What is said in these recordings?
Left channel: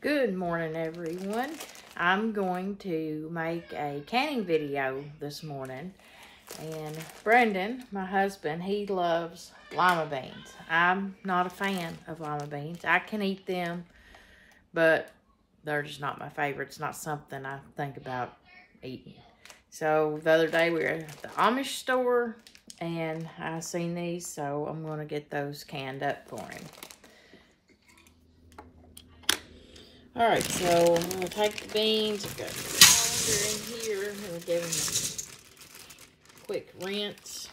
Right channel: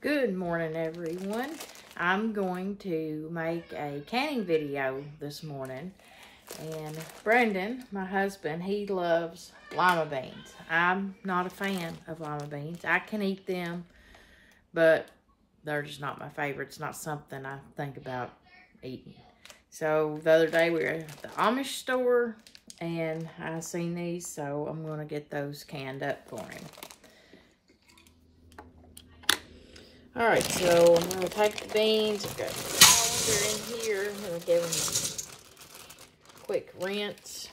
Good morning, everyone. I'm going to make a canning video this morning. And Brendan, my husband, he loves lima beans. I'm not a fan of lima beans. I can eat them, but they're just not my favorite. It's not something I think about eating. So the other day we were at the Amish store and I seen these, so I'm going to get those canned up for him. Alright, so I'm going to take the beans. I've got the colander in here. I'm going to give them a quick rinse.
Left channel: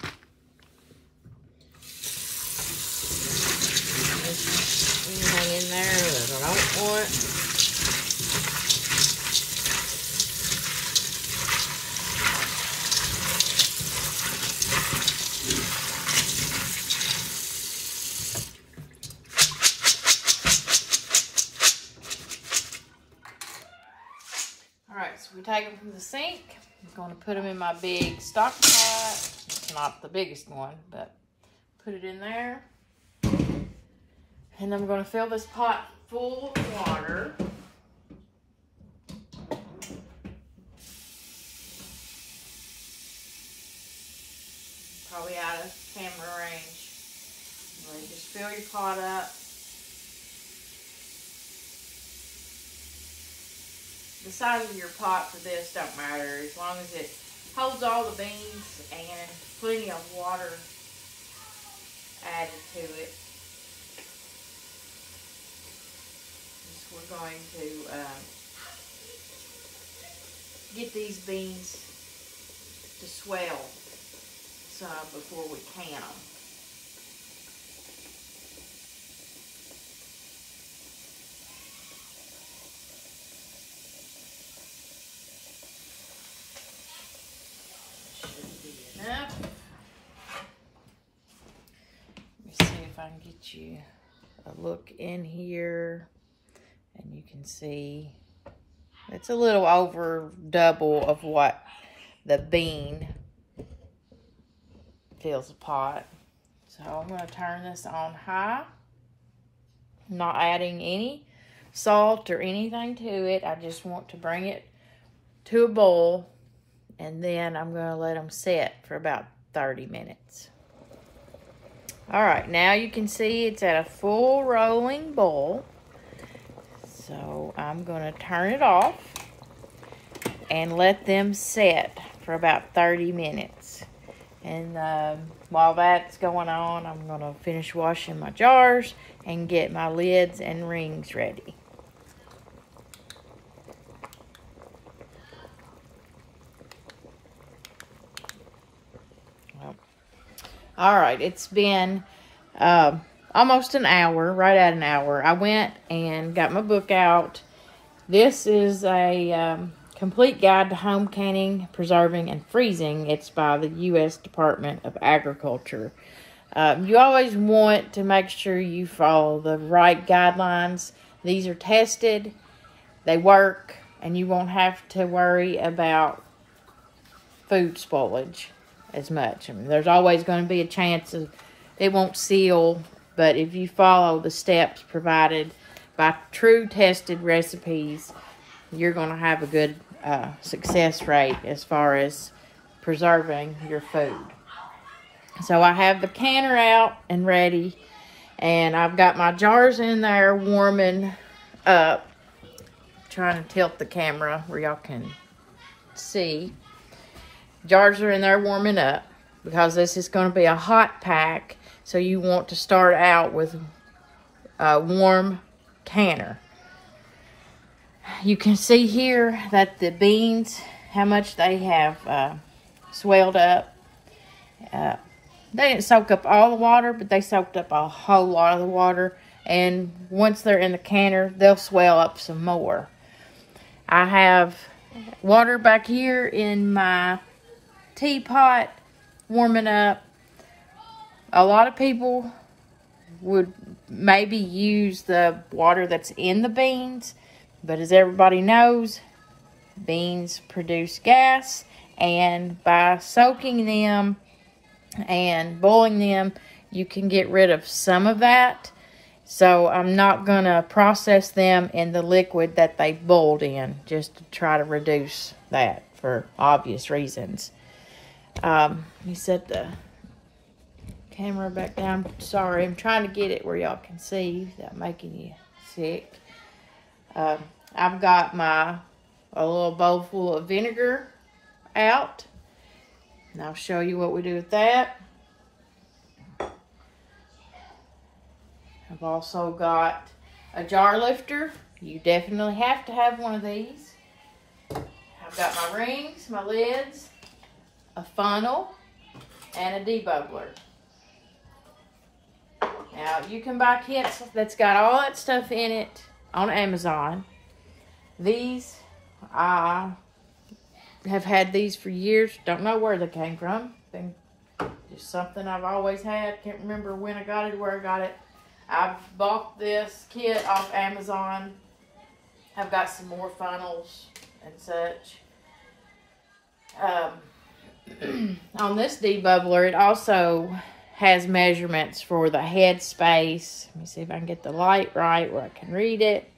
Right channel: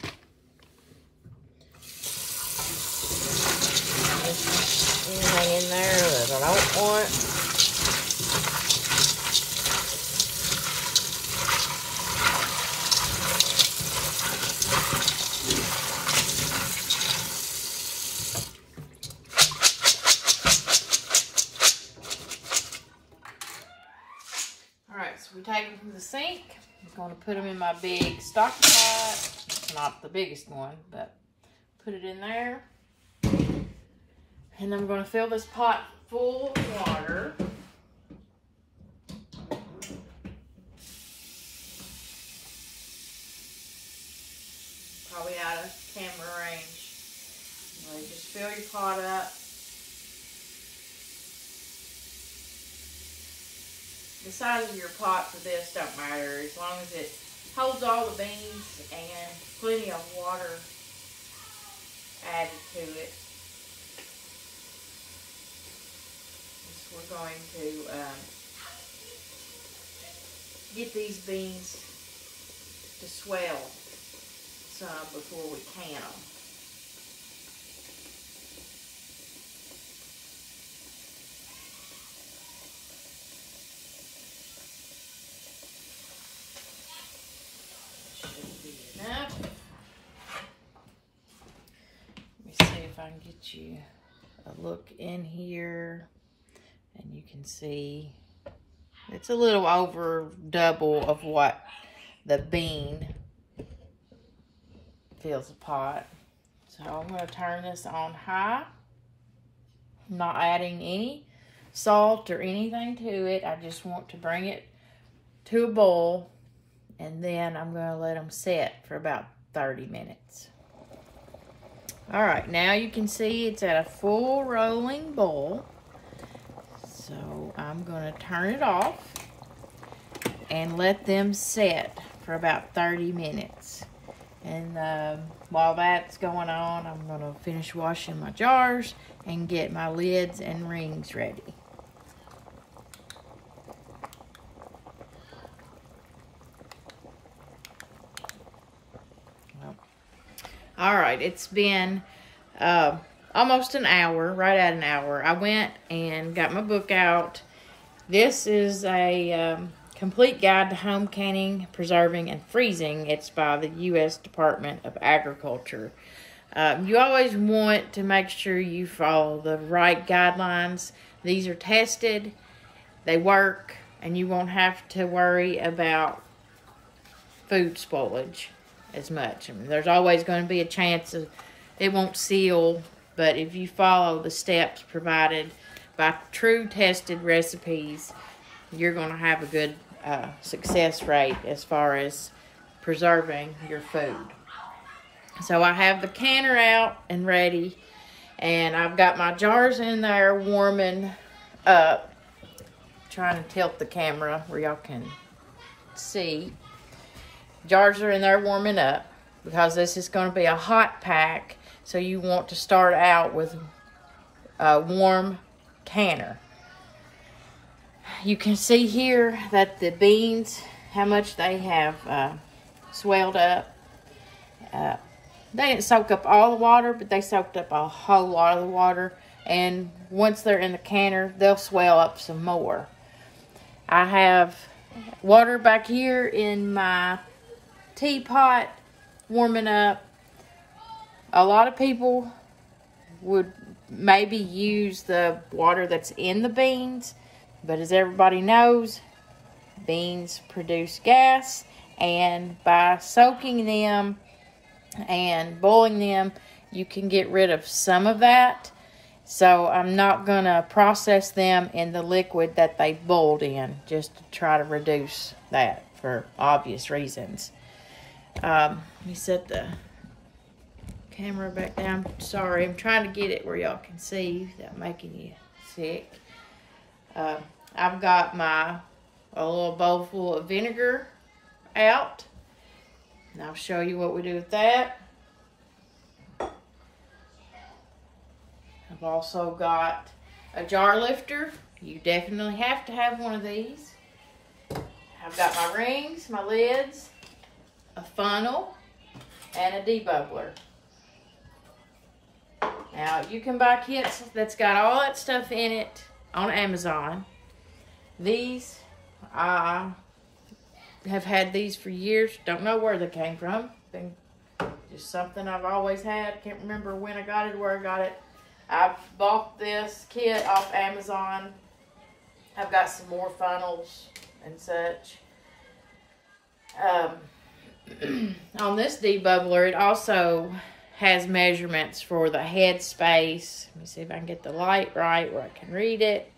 Anything in there that I don't want. Alright, so we take them from the sink. I'm going to put them in my big stock pot. It's not the biggest one, but put it in there. And I'm going to fill this pot full of water. Probably out of camera range. You just fill your pot up. The size of your pot for this don't matter, as long as it holds all the beans and plenty of water added to it. We're going to get these beans to swell some before we can them. Enough. Let me see if I can get you a look in here, and you can see it's a little over double of what the bean fills the pot. So I'm going to turn this on high. I'm not adding any salt or anything to it. I just want to bring it to a boil. And then I'm going to let them set for about 30 minutes. All right, now you can see it's at a full rolling boil. So I'm going to turn it off and let them set for about 30 minutes. And while that's going on, I'm going to finish washing my jars and get my lids and rings ready. All right, it's been almost an hour, right at an hour. I went and got my book out. This is a complete guide to home canning, preserving, and freezing. It's by the U.S. Department of Agriculture. You always want to make sure you follow the right guidelines. These are tested, they work, and you won't have to worry about food spoilage as much. I mean, there's always going to be a chance of it won't seal, but if you follow the steps provided by true tested recipes, you're going to have a good success rate as far as preserving your food. So I have the canner out and ready, and I've got my jars in there warming up. Trying to tilt the camera where y'all can see. Jars are in there warming up because this is going to be a hot pack, so you want to start out with a warm canner. You can see here that the beans, how much they have swelled up. They didn't soak up all the water, but they soaked up a whole lot of the water, and once they're in the canner, they'll swell up some more. I have water back here in my teapot warming up. A lot of people would maybe use the water that's in the beans, but as everybody knows, beans produce gas, and by soaking them and boiling them, you can get rid of some of that. So I'm not going to process them in the liquid that they boiled in, just to try to reduce that for obvious reasons. Let me set the camera back down. Sorry, I'm trying to get it where y'all can see without making you sick. I've got a little bowl full of vinegar out, and I'll show you what we do with that. I've also got a jar lifter. You definitely have to have one of these. I've got my rings, my lids, a funnel, and a debubbler. Now, you can buy kits that's got all that stuff in it on Amazon. These, I have had these for years. Don't know where they came from. Been just something I've always had. Can't remember when I got it or where I got it. I've bought this kit off Amazon. I've got some more funnels and such. On this debubbler, it also has measurements for the head space. Let me see if I can get the light right where I can read it.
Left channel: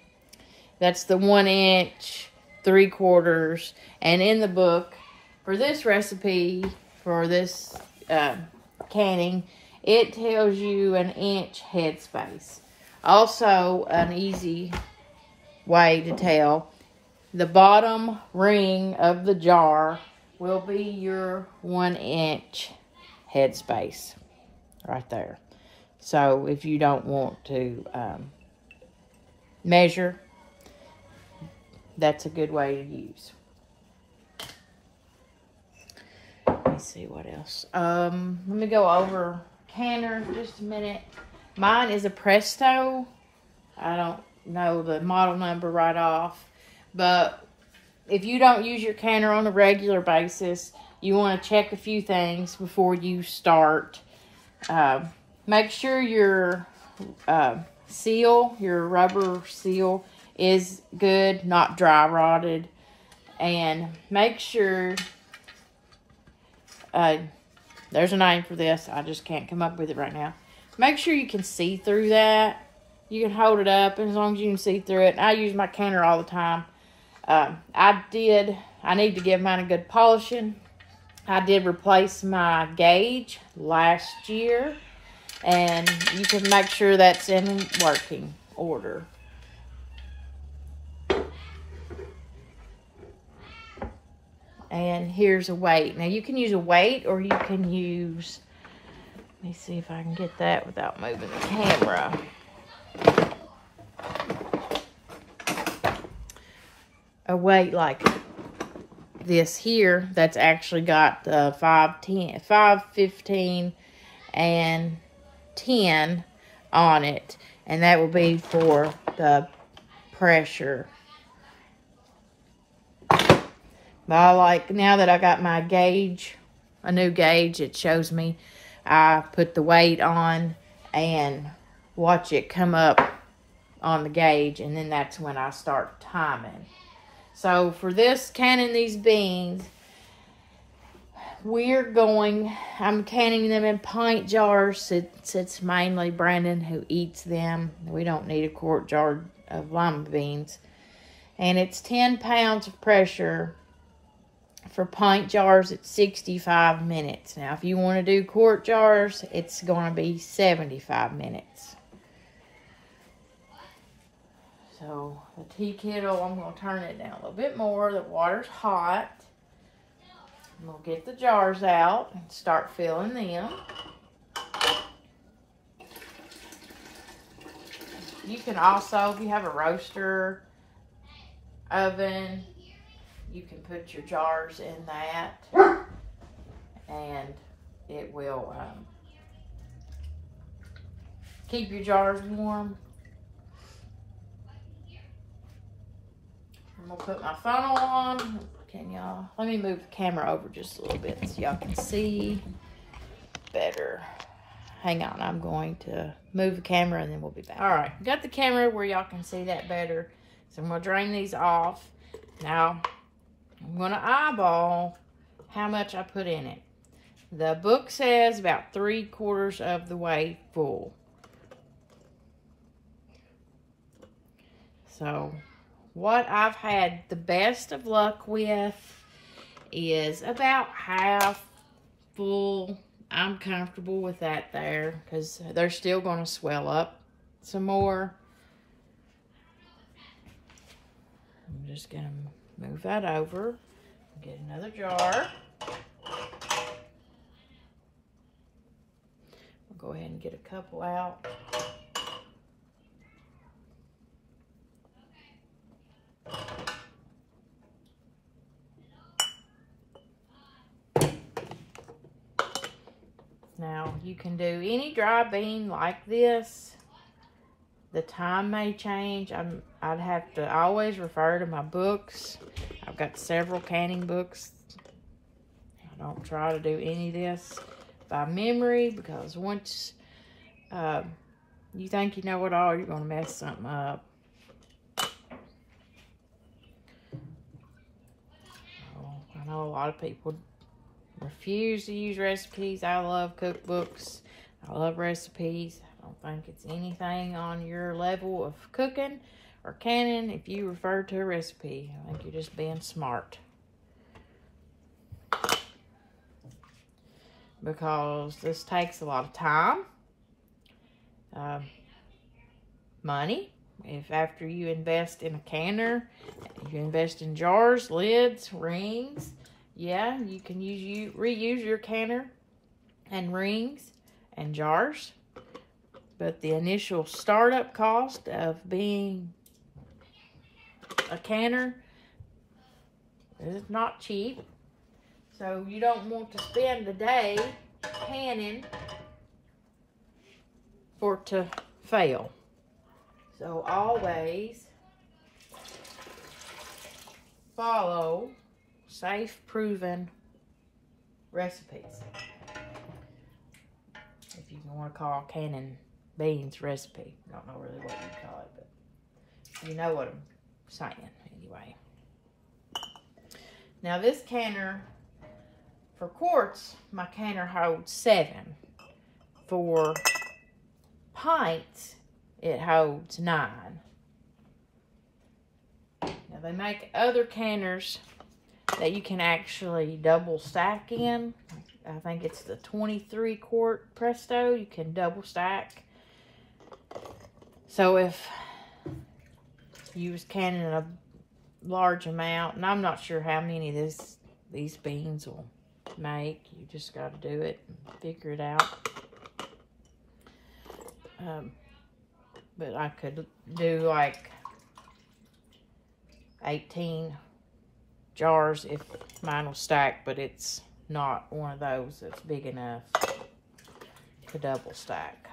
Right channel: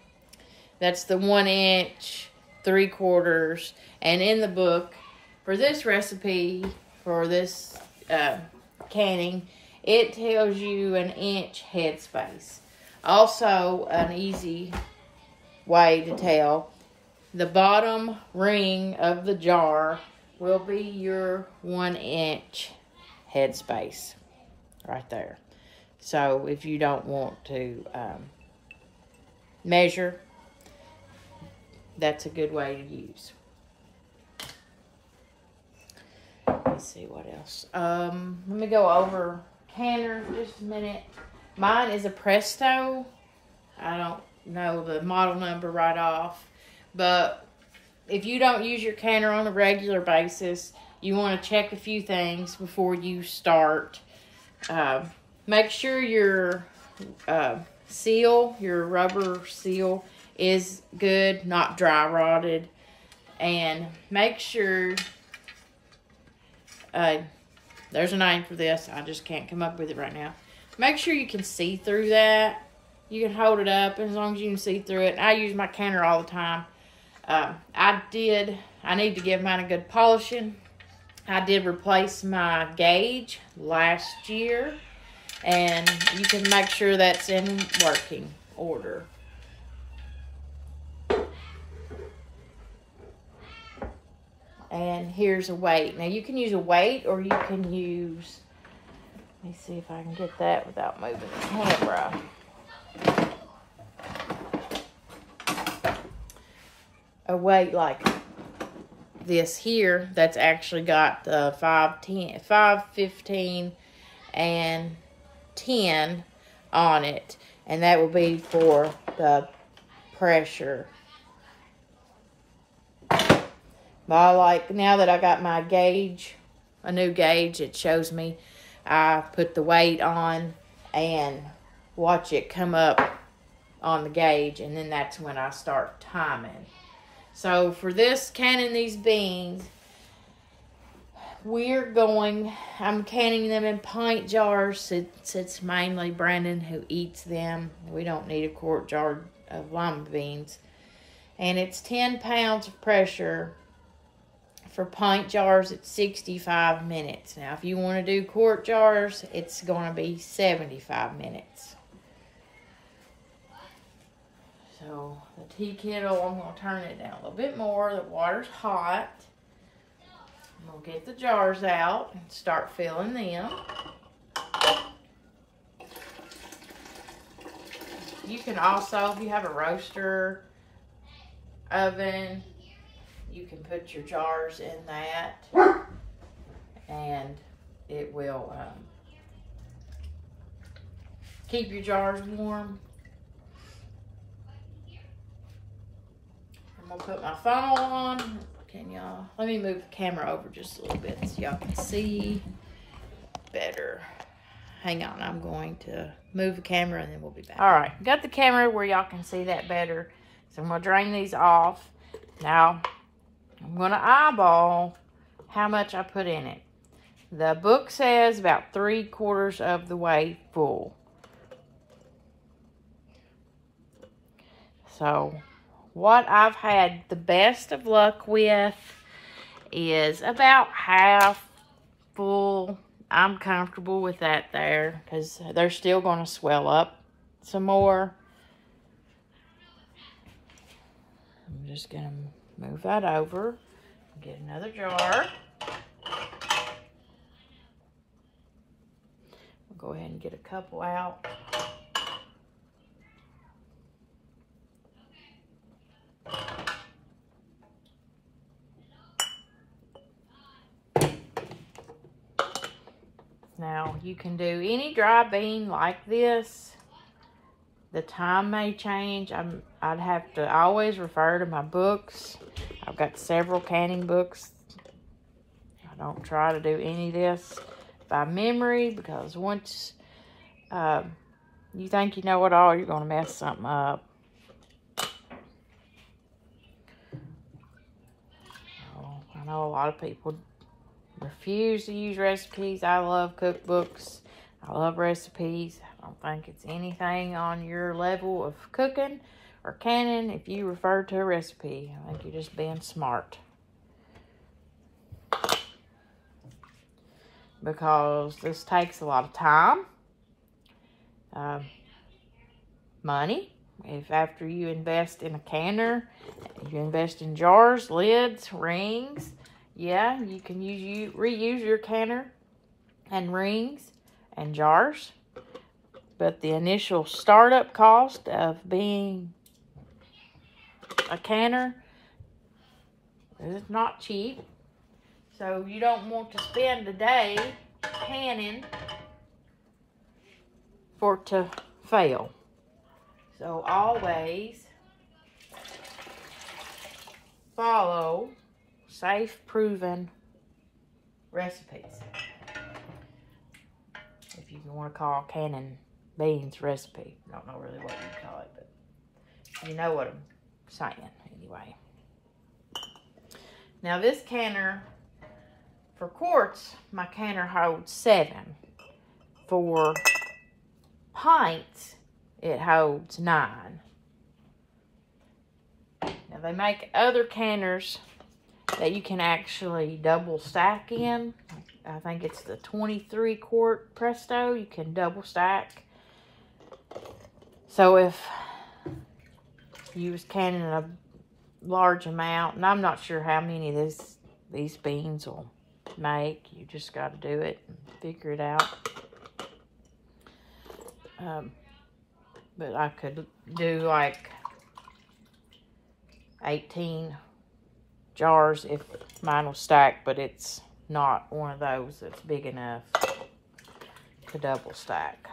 That's the 1 inch, 3/4. And in the book, for this recipe, for this canning, it tells you an inch head space. Also, an easy way to tell, the bottom ring of the jar will be your 1 inch head space right there. So if you don't want to measure, that's a good way to use. Let me see what else. Let me go over canner for just a minute. Mine is a Presto. I don't know the model number right off, but if you don't use your canner on a regular basis, you want to check a few things before you start. Make sure your seal, your rubber seal, is good, not dry rotted. And make sure, there's a name for this, I just can't come up with it right now. Make sure you can see through that. You can hold it up as long as you can see through it. I use my canner all the time. I need to give mine a good polishing. I did replace my gauge last year, and you can make sure that's in working order. And here's a weight. Now you can use a weight, or you can use, let me see if I can get that without moving the camera. A weight like this here, that's actually got 5, 15, and 10 on it. And that will be for the pressure. But I like, now that I got my gauge, a new gauge, it shows me, I put the weight on and watch it come up on the gauge, and then that's when I start timing. So for this, canning these beans, I'm canning them in pint jars. It's mainly Brandon who eats them. We don't need a quart jar of lima beans. And it's 10 pounds of pressure. For pint jars, it's 65 minutes. Now, if you want to do quart jars, it's going to be 75 minutes. So, the tea kettle, I'm going to turn it down a little bit more. The water's hot. I'm going to get the jars out and start filling them. You can also, if you have a roaster oven, you can put your jars in that, and it will keep your jars warm. I'm gonna put my funnel on. Can y'all, let me move the camera over just a little bit so y'all can see better. Hang on, I'm going to move the camera and then we'll be back. All right, got the camera where y'all can see that better. So I'm gonna drain these off. Now, I'm going to eyeball how much I put in it. The book says about 3/4 of the way full. So what I've had the best of luck with is about half full. I'm comfortable with that there because they're still going to swell up some more. I'm just going to move that over and get another jar. We'll go ahead and get a couple out. Now, you can do any dry bean like this. The time may change. I'd have to always refer to my books. I've got several canning books. I don't try to do any of this by memory because once you think you know it all, you're going to mess something up. Oh, I know a lot of people refuse to use recipes. I love cookbooks. I love recipes. I don't think it's anything on your level of cooking or canning if you refer to a recipe. I think you're just being smart. Because this takes a lot of time, money. If after you invest in a canner, you invest in jars, lids, rings, yeah, you can reuse your canner and rings and jars. But the initial startup cost of being a canner is not cheap. So you don't want to spend a day canning for it to fail. So always follow safe, proven recipes. If you want to call canning beans recipe. I don't know really what you call it, but you know what I'm saying anyway. Now this canner, for quarts, my canner holds 7. For pints, it holds 9. Now they make other canners that you can actually double stack in. I think it's the 23 quart Presto. You can double stack. So if you was canning a large amount, and I'm not sure how many of these beans will make, you just got to do it and figure it out. But I could do like 18 jars if mine will stack, but it's not one of those that's big enough to double stack.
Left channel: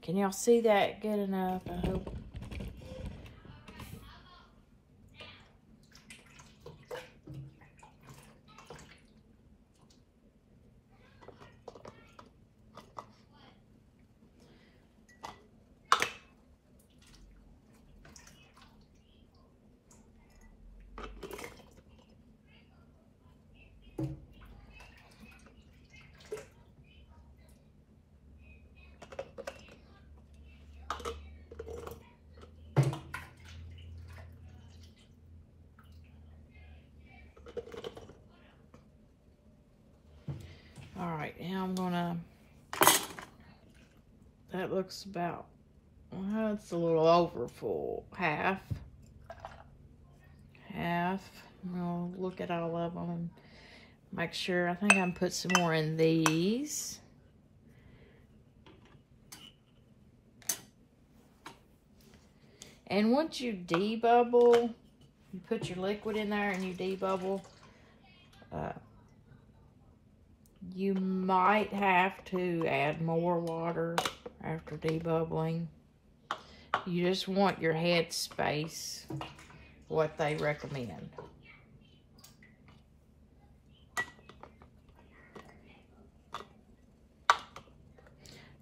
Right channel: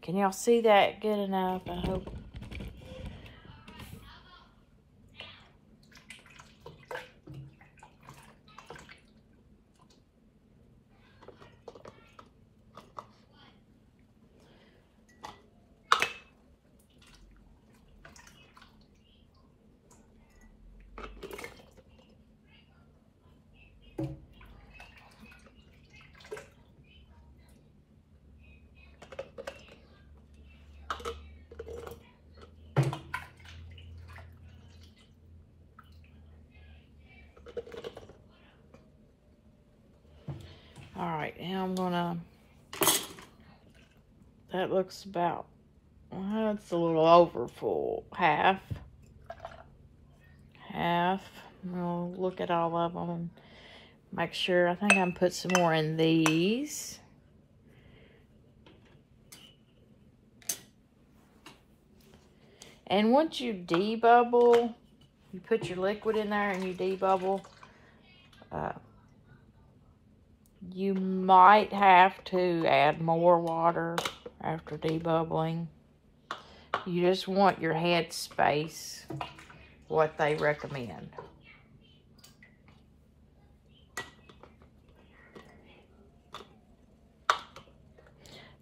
Can y'all see that good enough? I hope. Alright, now I'm gonna, that looks about, well, it's a little over full. Half. I'm gonna look at all of them and make sure. I think I'm gonna put some more in these. And once you debubble, you put your liquid in there and you debubble, you might have to add more water after debubbling. You just want your head space, what they recommend.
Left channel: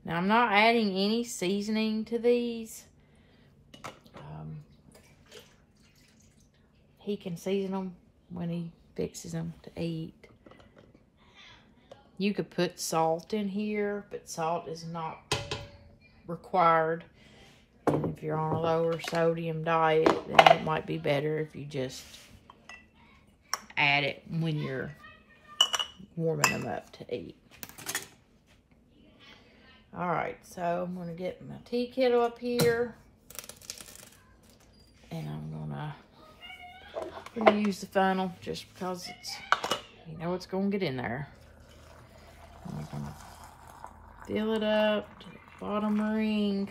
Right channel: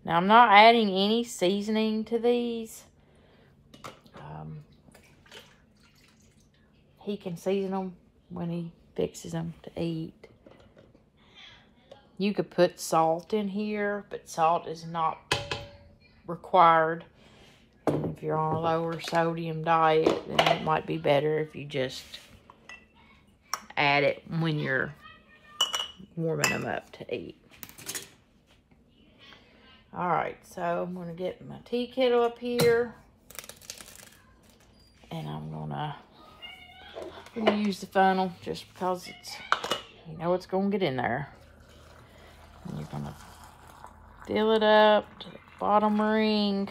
Now, I'm not adding any seasoning to these. He can season them when he fixes them to eat. You could put salt in here, but salt is not required. If you're on a lower sodium diet, then it might be better if you just add it when you're warming them up to eat. All right, so I'm gonna get my tea kettle up here, and I'm gonna use the funnel just because it's, you know, it's gonna get in there. I'm gonna fill it up to the bottom ring.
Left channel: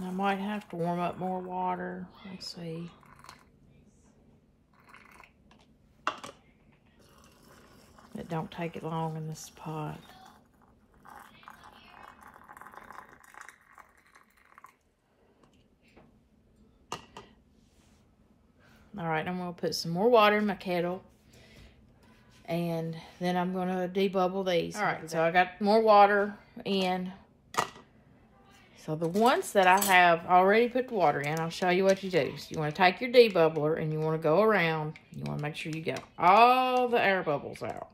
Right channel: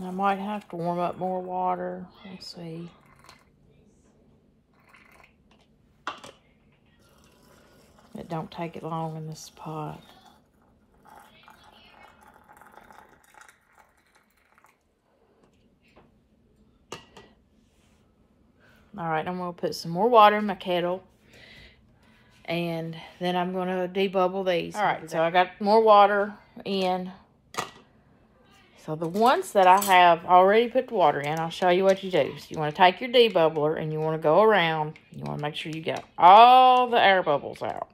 I might have to warm up more water. Let's see. It don't take it long in this pot. All right, I'm gonna put some more water in my kettle, and then I'm gonna debubble these. All right, so I got more water in. So the ones that I have already put the water in, I'll show you what you do. So you want to take your debubbler and you want to go around. You want to make sure you get all the air bubbles out.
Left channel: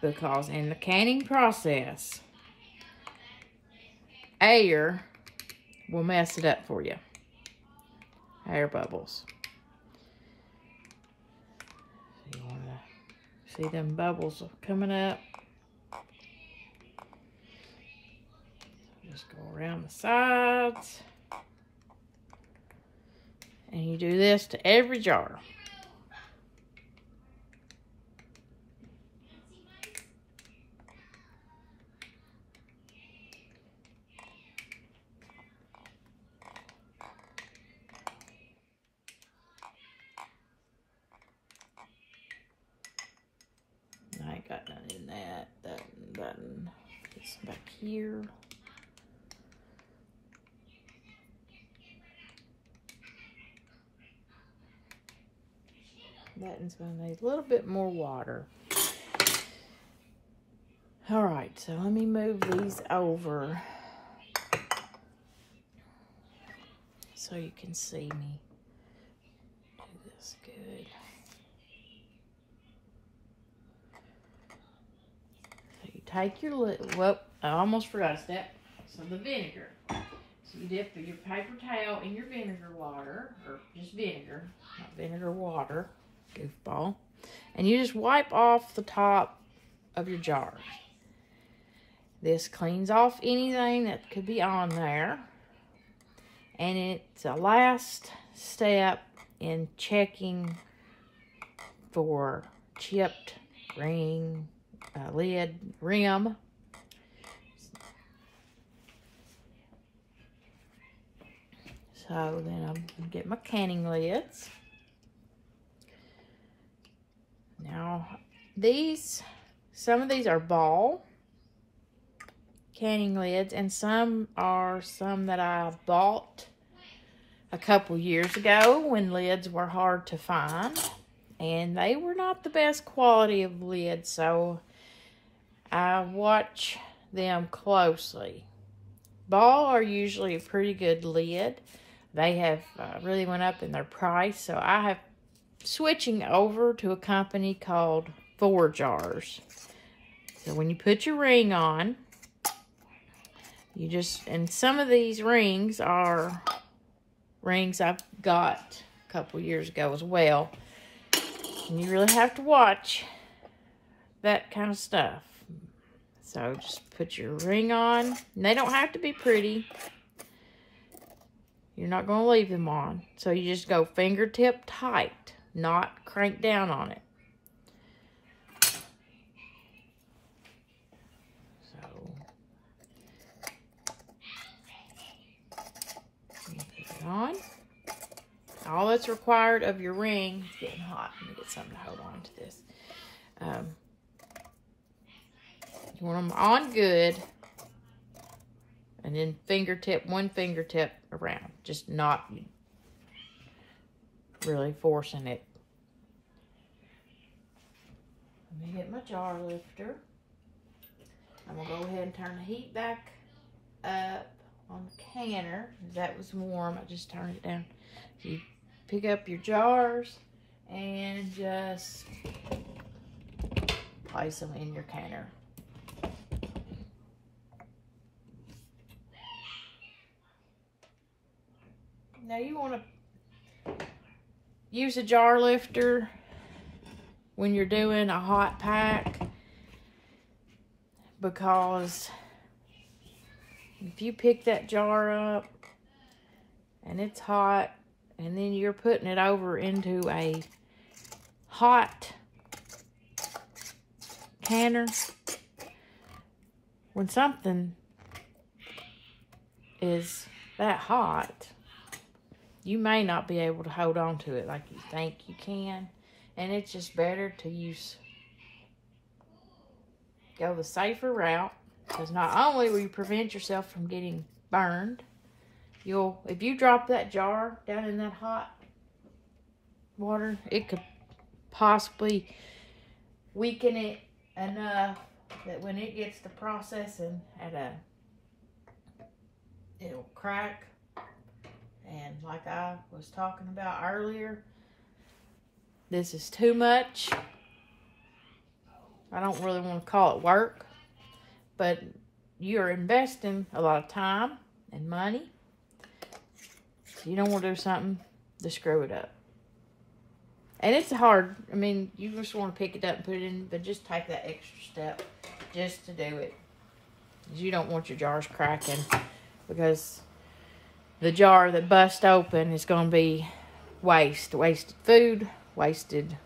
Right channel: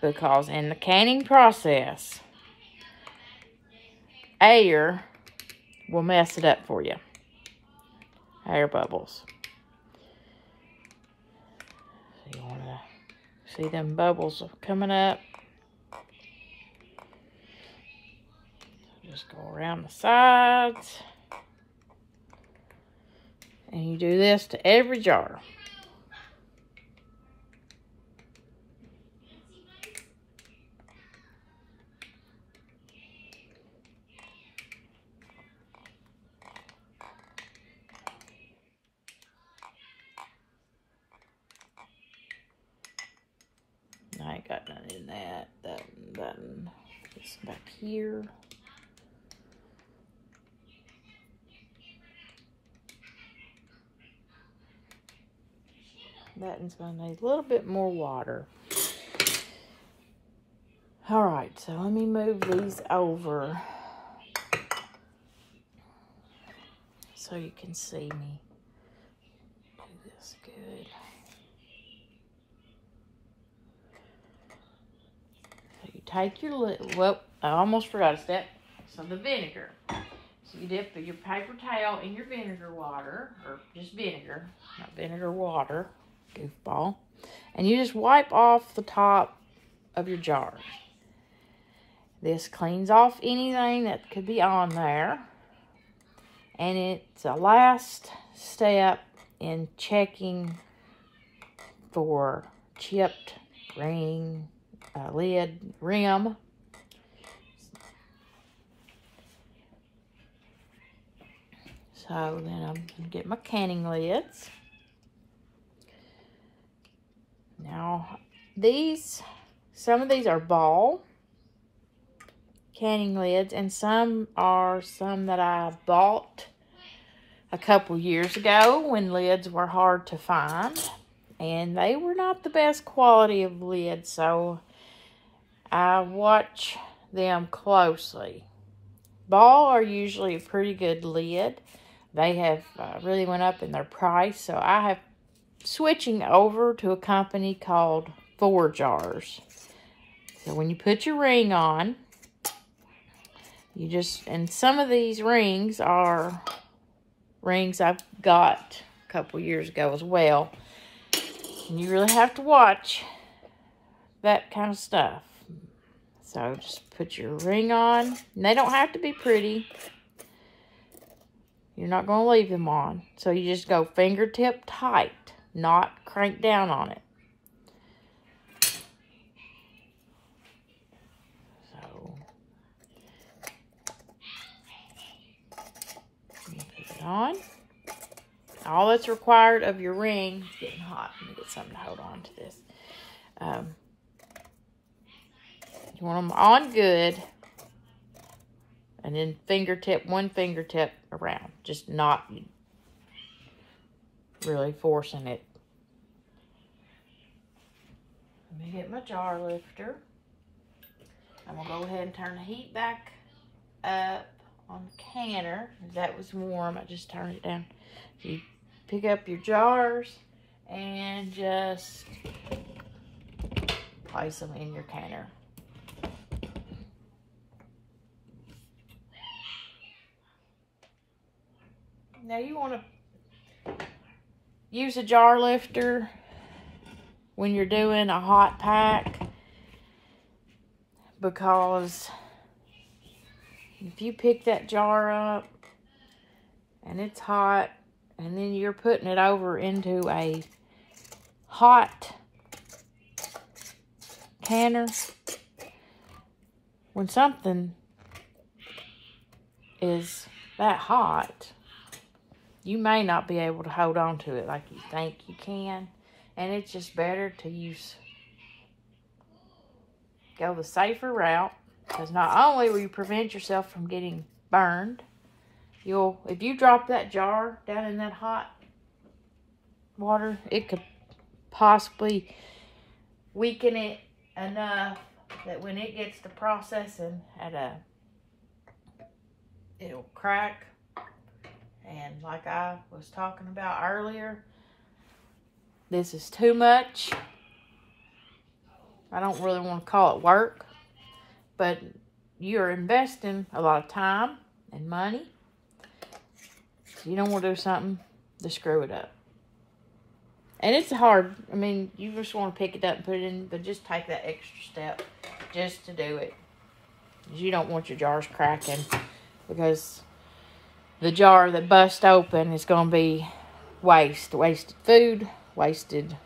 Because in the canning process, air will mess it up for you. Air bubbles. So you want to see them bubbles coming up. Just go around the sides. And you do this to every jar. I ain't got none in that. Button. It's back here. That one's going to need a little bit more water. All right, so let me move these over so you can see me do this good. So you take your little, well, I almost forgot a step. So the vinegar. So you dip your paper towel in your vinegar water, or just vinegar, not vinegar water. Goofball. And you just wipe off the top of your jar. This cleans off anything that could be on there. And it's a last step in checking for chipped lid rim. So then I'm going to get my canning lids. Now, some of these are ball canning lids, and some that I bought a couple years ago when lids were hard to find, and they were not the best quality of lids, so I watch them closely. Ball are usually a pretty good lid. They have really went up in their price, so I have switching over to a company called 4 Jars. So when you put your ring on, you just, and some of these rings are rings I've got a couple years ago as well. And you really have to watch that kind of stuff. So just put your ring on. And they don't have to be pretty. You're not going to leave them on. So you just go fingertip tight. Not crank down on it. So, you put it on. All that's required of your ring, it's getting hot. Let me get something to hold on to this. You want them on good. And then one fingertip around. Just not really forcing it. Let me get my jar lifter. I'm going to go ahead and turn the heat back up on the canner. That was warm. I just turned it down. You pick up your jars and just place them in your canner. Now you want to use a jar lifter when you're doing a hot pack, because if you pick that jar up and it's hot and then you're putting it over into a hot canner, when something is that hot, you may not be able to hold on to it like you think you can. And it's just better to go the safer route, because not only will you prevent yourself from getting burned, if you drop that jar down in that hot water, it could possibly weaken it enough that when it gets to processing it'll crack. And like I was talking about earlier, this is too much. I don't really want to call it work, but you're investing a lot of time and money. You don't want to do something to screw it up. And it's hard. I mean, you just want to pick it up and put it in, but just take that extra step just to do it. You don't want your jars cracking, because the jar that busts open is going to be wasted food, wasted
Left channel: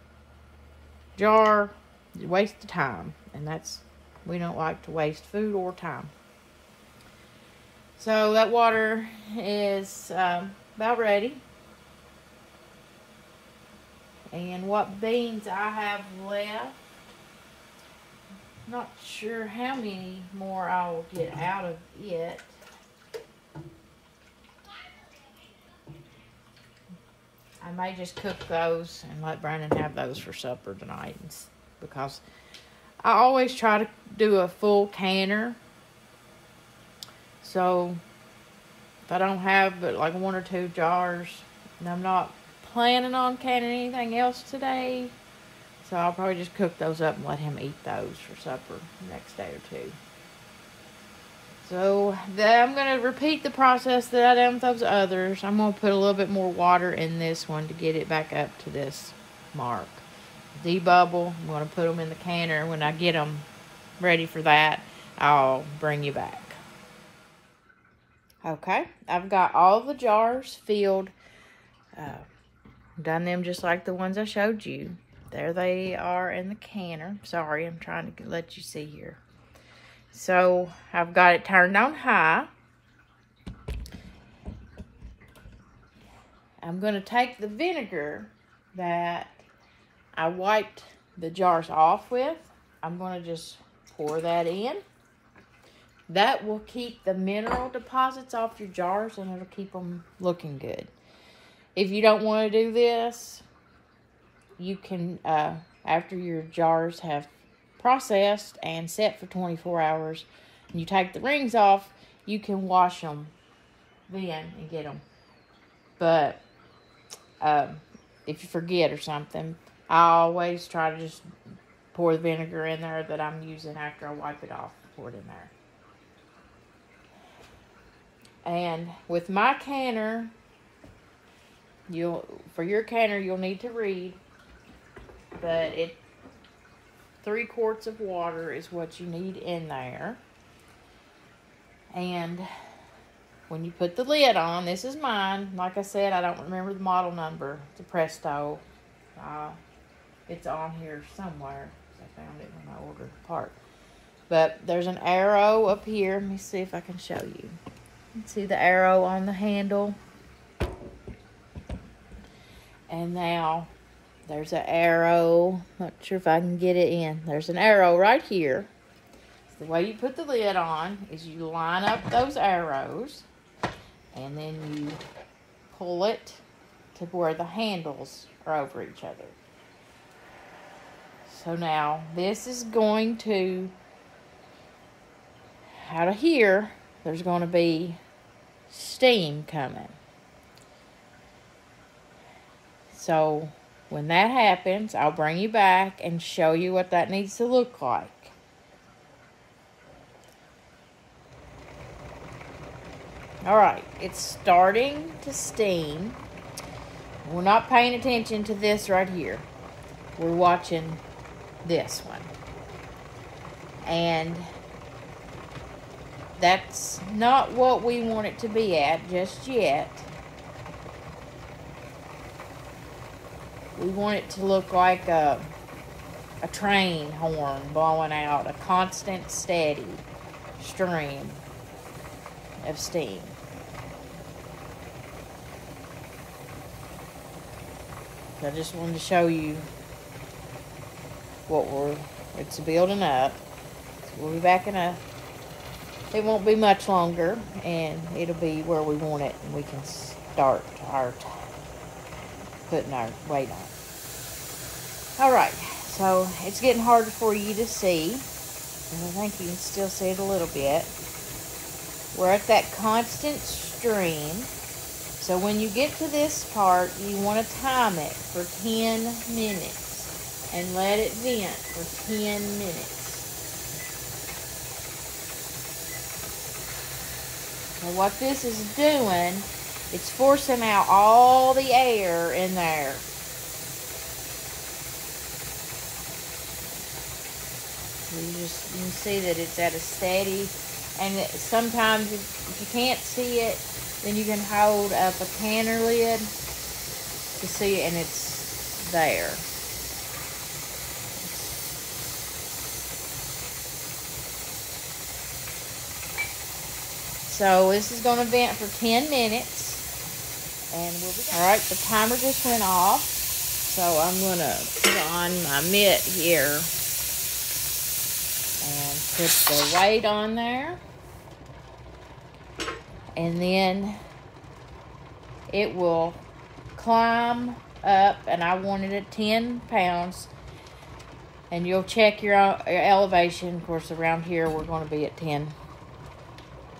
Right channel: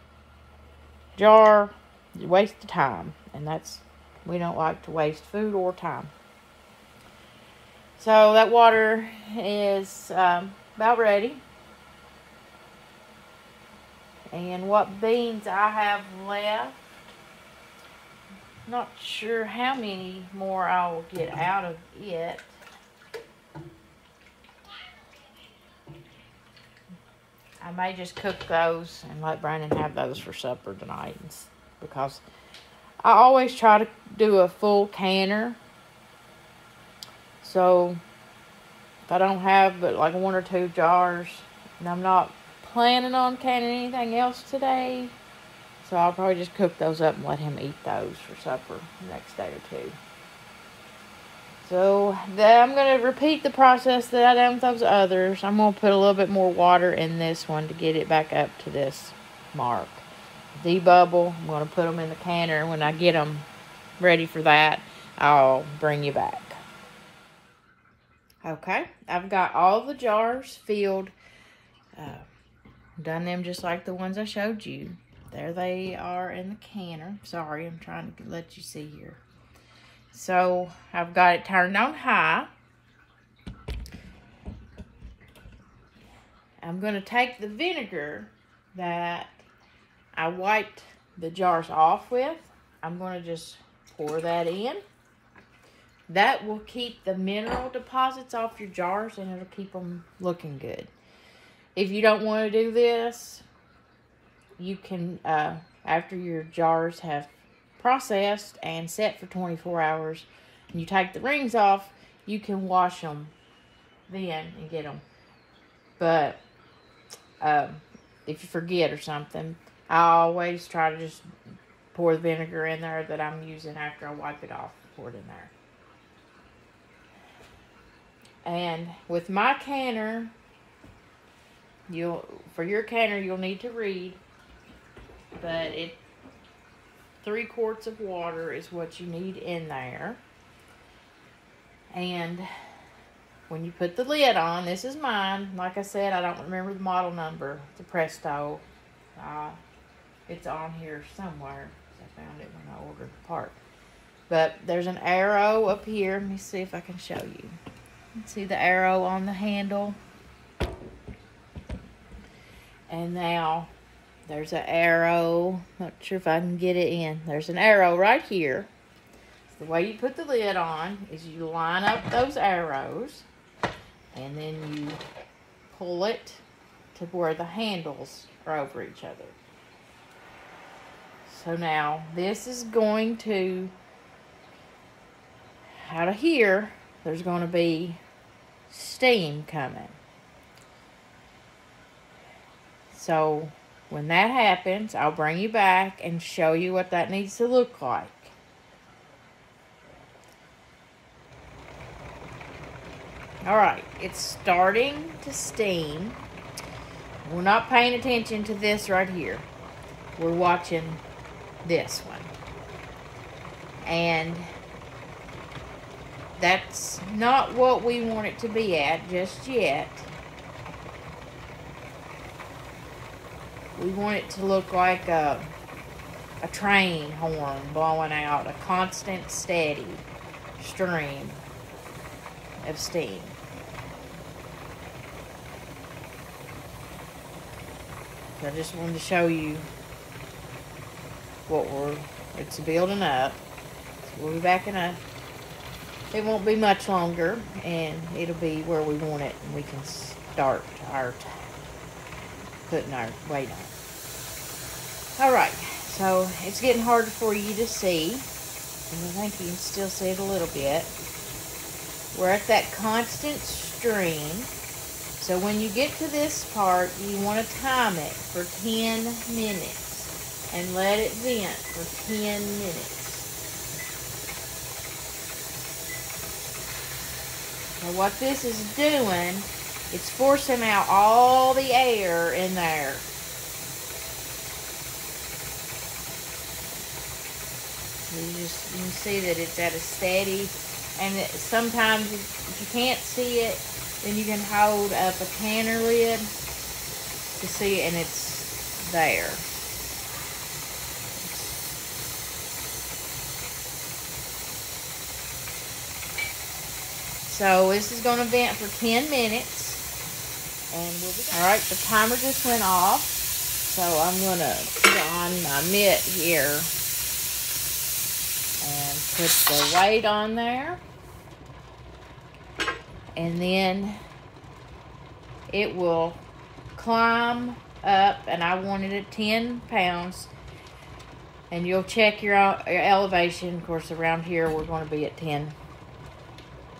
jar, wasted time. And we don't like to waste food or time. So that water is about ready. And what beans I have left, not sure how many more I will get out of it. I may just cook those and let Brandon have those for supper tonight, because I always try to do a full canner. So if I don't have but like 1 or 2 jars, and I'm not planning on canning anything else today, so I'll probably just cook those up and let him eat those for supper the next day or 2. So I'm going to repeat the process that I done with those others. I'm going to put a little bit more water in this one to get it back up to this mark. Debubble. I'm going to put them in the canner. When I get them ready for that, I'll bring you back. Okay, I've got all the jars filled. Done them just like the ones I showed you. There they are in the canner. Sorry, I'm trying to let you see here. So I've got it turned on high. I'm going to take the vinegar that I wiped the jars off with. I'm going to just pour that in. That will keep the mineral deposits off your jars, and it'll keep them looking good. If you don't want to do this, you can, after your jars have processed and set for 24 hours, and you take the rings off, you can wash them then and get them. But if you forget or something, I always try to just pour the vinegar in there that I'm using after I wipe it off. Pour it in there. And with my canner, for your canner you'll need to read, but 3 quarts of water is what you need in there. And when you put the lid on, this is mine. Like I said, I don't remember the model number. It's a Presto. It's on here somewhere. I found it when I ordered the part. But there's an arrow up here. Let's see if I can show you. See the arrow on the handle? And now there's an arrow. Not sure if I can get it in. There's an arrow right here. So the way you put the lid on is you line up those arrows, and then you pull it to where the handles are over each other. So now this is going to, out of here, there's going to be steam coming. So when that happens, I'll bring you back and show you what that needs to look like. Alright, it's starting to steam. We're not paying attention to this right here. We're watching this one. And that's not what we want it to be at just yet. We want it to look like a train horn blowing out a constant, steady stream of steam. So I just wanted to show you what it's building up. We'll be backing up. It won't be much longer, and it'll be where we want it, and we can start putting our weight on. Alright, so it's getting harder for you to see, and I think you can still see it a little bit. We're at that constant stream. So when you get to this part, you want to time it for 10 minutes and let it vent for 10 minutes. Now what this is doing, it's forcing out all the air in there. You can see that it's at a steady, and sometimes if you can't see it, then you can hold up a canner lid to see it, and it's there. So this is going to vent for 10 minutes, and we'll be all right. The timer just went off, so I'm going to put on my mitt here and put the weight on there. And then it will climb up, and I want it at 10 pounds. And you'll check your elevation. Of course, around here we're going to be at 10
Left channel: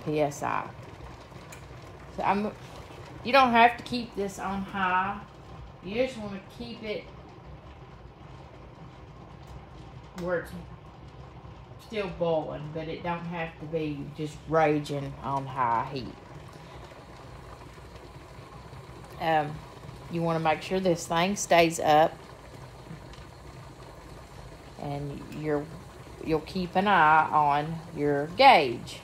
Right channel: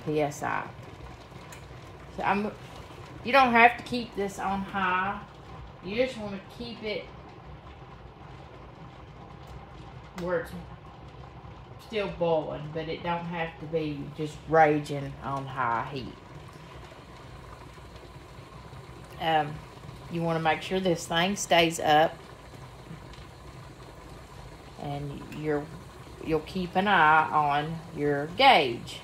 psi. So you don't have to keep this on high. You just want to keep it where it's still boiling, but it don't have to be just raging on high heat. You want to make sure this thing stays up, and you'll keep an eye on your gauge.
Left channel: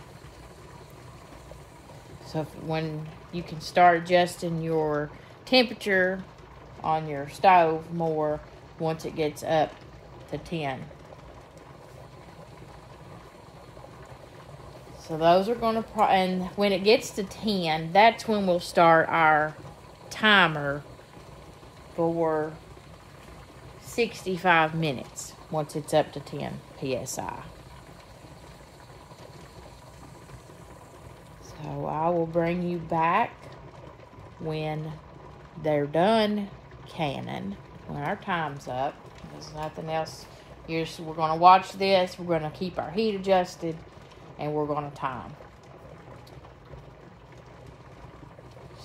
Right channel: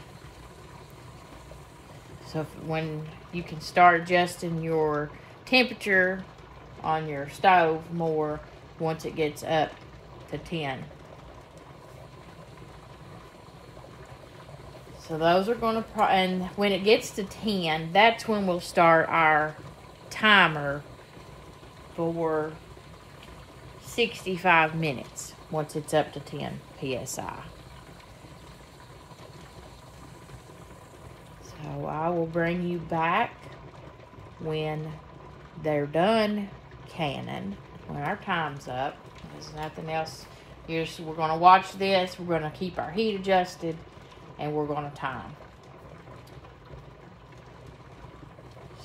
So when you can start adjusting your temperature on your stove more once it gets up to 10. So those are going to, and when it gets to 10, that's when we'll start our timer for 65 minutes once it's up to 10 psi. So I will bring you back when they're done canning, when our time's up. There's nothing else. We're going to watch this. We're going to keep our heat adjusted, and we're going to time.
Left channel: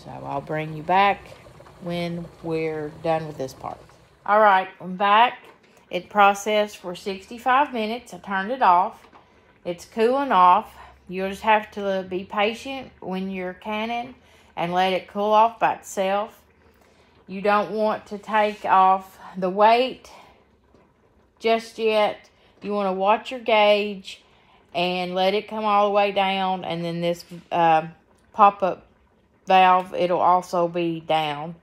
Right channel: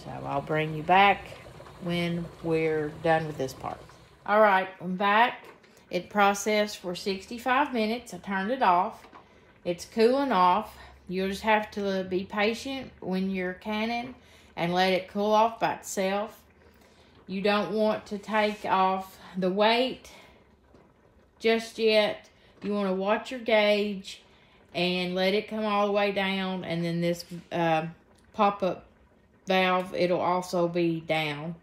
So I'll bring you back when we're done with this part. All right, I'm back. It processed for 65 minutes. I turned it off. It's cooling off. You'll just have to be patient when you're canning and let it cool off by itself. You don't want to take off the weight just yet. You want to watch your gauge and let it come all the way down, and then this pop-up valve, it'll also be down.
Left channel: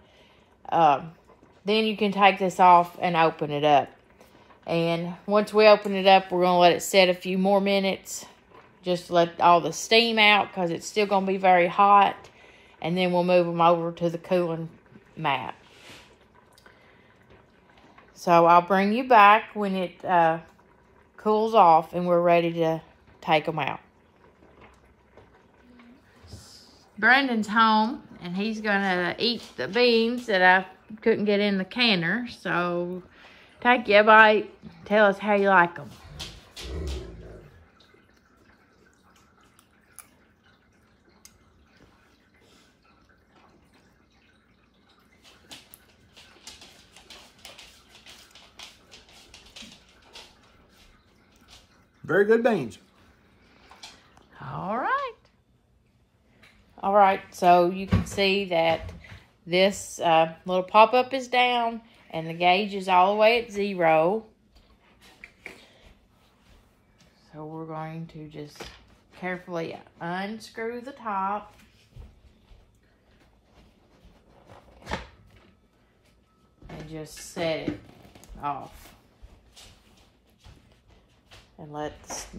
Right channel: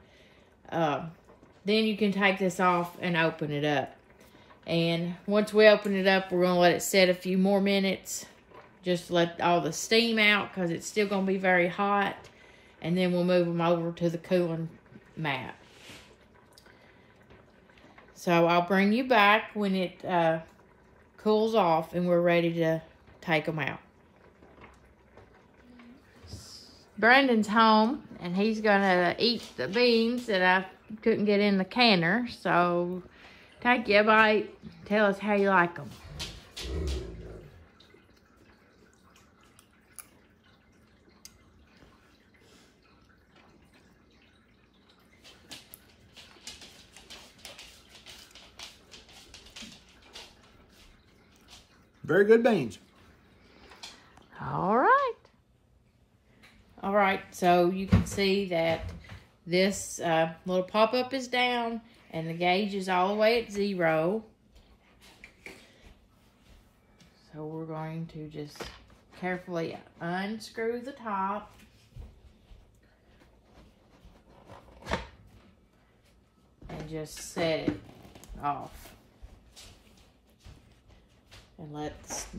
Then you can take this off and open it up. And once we open it up, we're going to let it set a few more minutes. Just let all the steam out, because it's still going to be very hot. And then we'll move them over to the cooling mat. So I'll bring you back when it cools off and we're ready to take them out. Brandon's home. and he's gonna eat the beans that I couldn't get in the canner. So take you a bite, tell us how you like them. Very good beans. All right, so you can see that this little pop-up is down and the gauge is all the way at 0. So we're going to just carefully unscrew the top. And just set it off. And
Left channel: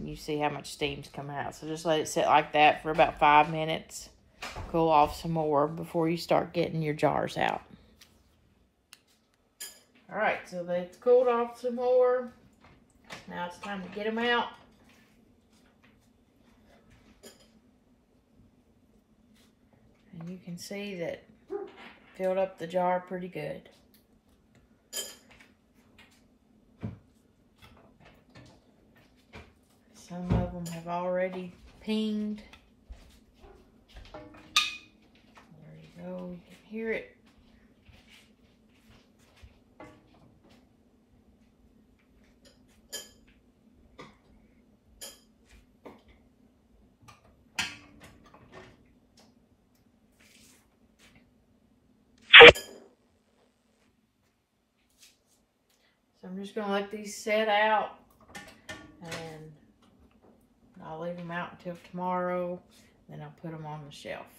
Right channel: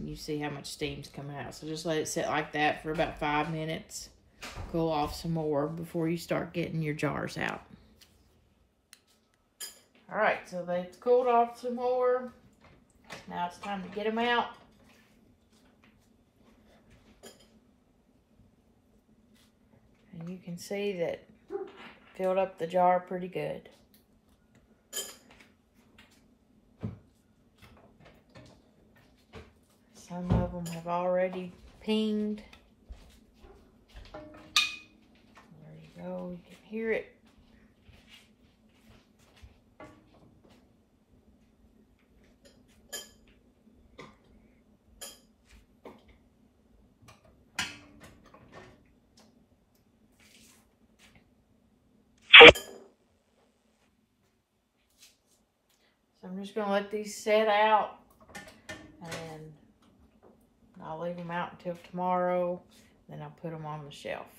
you see how much steam's coming out. So just let it sit like that for about 5 minutes. Cool off some more before you start getting your jars out. All right, so they've cooled off some more. Now it's time to get them out. And you can see that filled up the jar pretty good. Some of them have already pinged. There you go, you can hear it. So I'm just gonna let these set out, and I'll leave them out until tomorrow, then I'll put them on the shelf.